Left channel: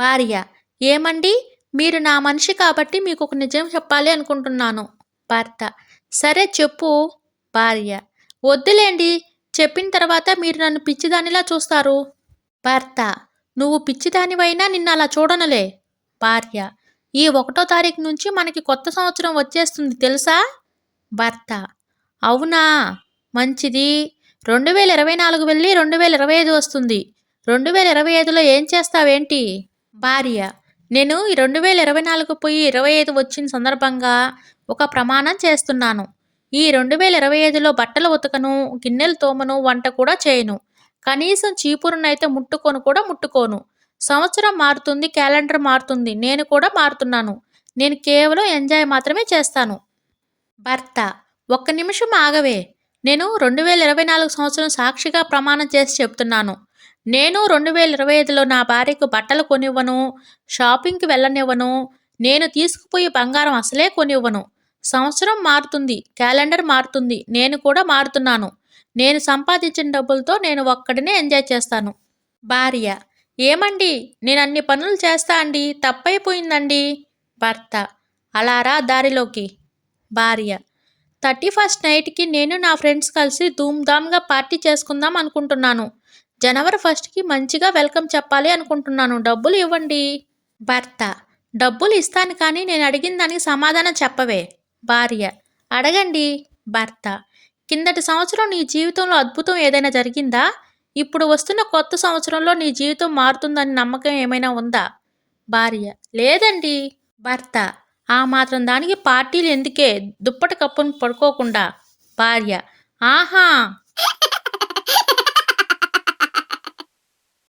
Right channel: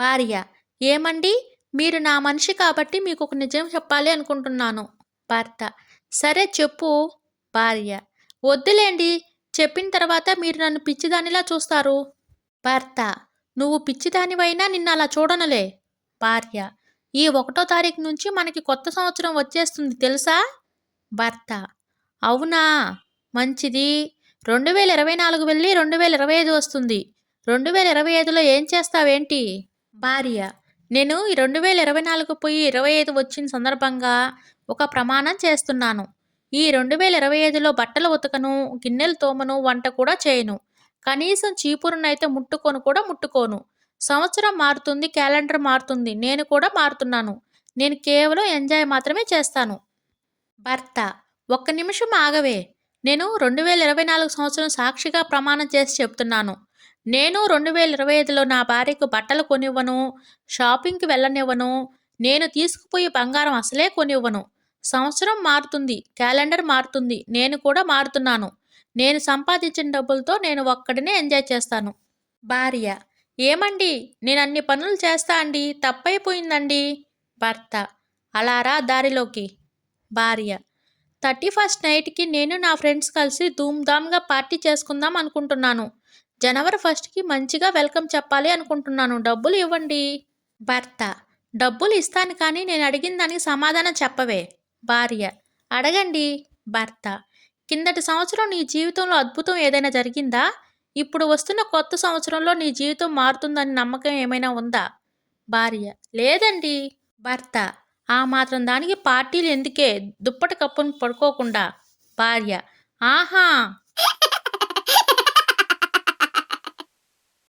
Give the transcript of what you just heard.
భార్య: ఏమండీ, మీరు నా మనిషి కాబట్టి మీకొక నిజం చెప్పాలి అనుకుంటున్నాను. భర్త: సరే చెప్పు. భార్య: వద్దులేండి, చెప్పిన తర్వాత మీరు నన్ను పిచ్చిదానిలా చూస్తారు. భర్త: నువ్వు పిచ్చిదానివైనా నిన్నలా చూడనులే. భార్య: ఈ 1వ తారీఖు నుంచి మనకి కొత్త సంవత్సరం వచ్చేస్తుంది తెలుసా? భర్త: అవునా? మంచిది. 2024 వెళ్ళి 2025 వస్తుంది. 2025లో ఏం చేస్తావేంటి? భార్య: నేను ఈ 2024 పోయి 25 వచ్చిన సందర్భంగా ఒక ప్రమాణం చేస్తున్నాను. ఈ 2025లో బట్టలు ఉతకను, గిన్నెలు తోమను, వంట కూడా చేయను. కనీసం చీపురునైతే ముట్టుకోను. సంవత్సరం మారుతుంది, క్యాలెండర్ మారుతుంది, నేను కూడా మారుతున్నాను. నేను కేవలం ఎంజాయ్ మాత్రమే చేస్తాను. భర్త: ఒక్క నిమిషం ఆగవే. నేను 2024 సంవత్సరం సాక్షిగా ప్రమాణం చేసి చెప్తున్నాను. నేను 2025లో నా భార్యకు బట్టలు కొనివ్వను, షాపింగ్‌కి వెళ్ళనివ్వను, నేను తీసుకుపోయే బంగారం అసలే కొనివ్వను. సంవత్సరం మారుతుంది, క్యాలెండర్ మారుతుంది, నేను కూడా మారుతున్నాను. నేను సంపాదించిన డబ్బులతో నేను ఒక్కడినే ఎంజాయ్ చేస్తాను. భార్య: ఏమండి, నేనన్ని పనులు చేస్తా అండి, తప్పైపోయిందండి. భర్త: అలా రా దారిలోకి. భార్య: 31st నైట్‌కి నేను నా ఫ్రెండ్స్ కలిసి ధూమ్‌ధామ్‌గా పార్టీ చేసుకుందాం అనుకుంటున్నాను. జనవరి 1కి మంచిగా వెల్కమ్ చెప్పాలి అనుకుంటున్నాను. డబ్బులు ఇవ్వండి. భర్త: డబ్బులు ఇస్తాను కానీ నేను అడిగిన దానికి సమాధానం చెప్పవే. భార్య: అడగండి. భర్త: కిందటి సంవత్సరం నీ జీవితంలో అద్భుతం ఏదైనా జరిగిందా? ఇప్పుడు వస్తున్న కొత్త సంవత్సరంలో నీ జీవితం మారుతుందని నమ్మకం ఏమైనా ఉందా? భార్య: లేదండి. భర్త: ఆ మాత్రం దానికి పార్టీలు ఎందుకే, దుప్పటి కప్పుని పడుకోకుండా. భార్య: ఆహా!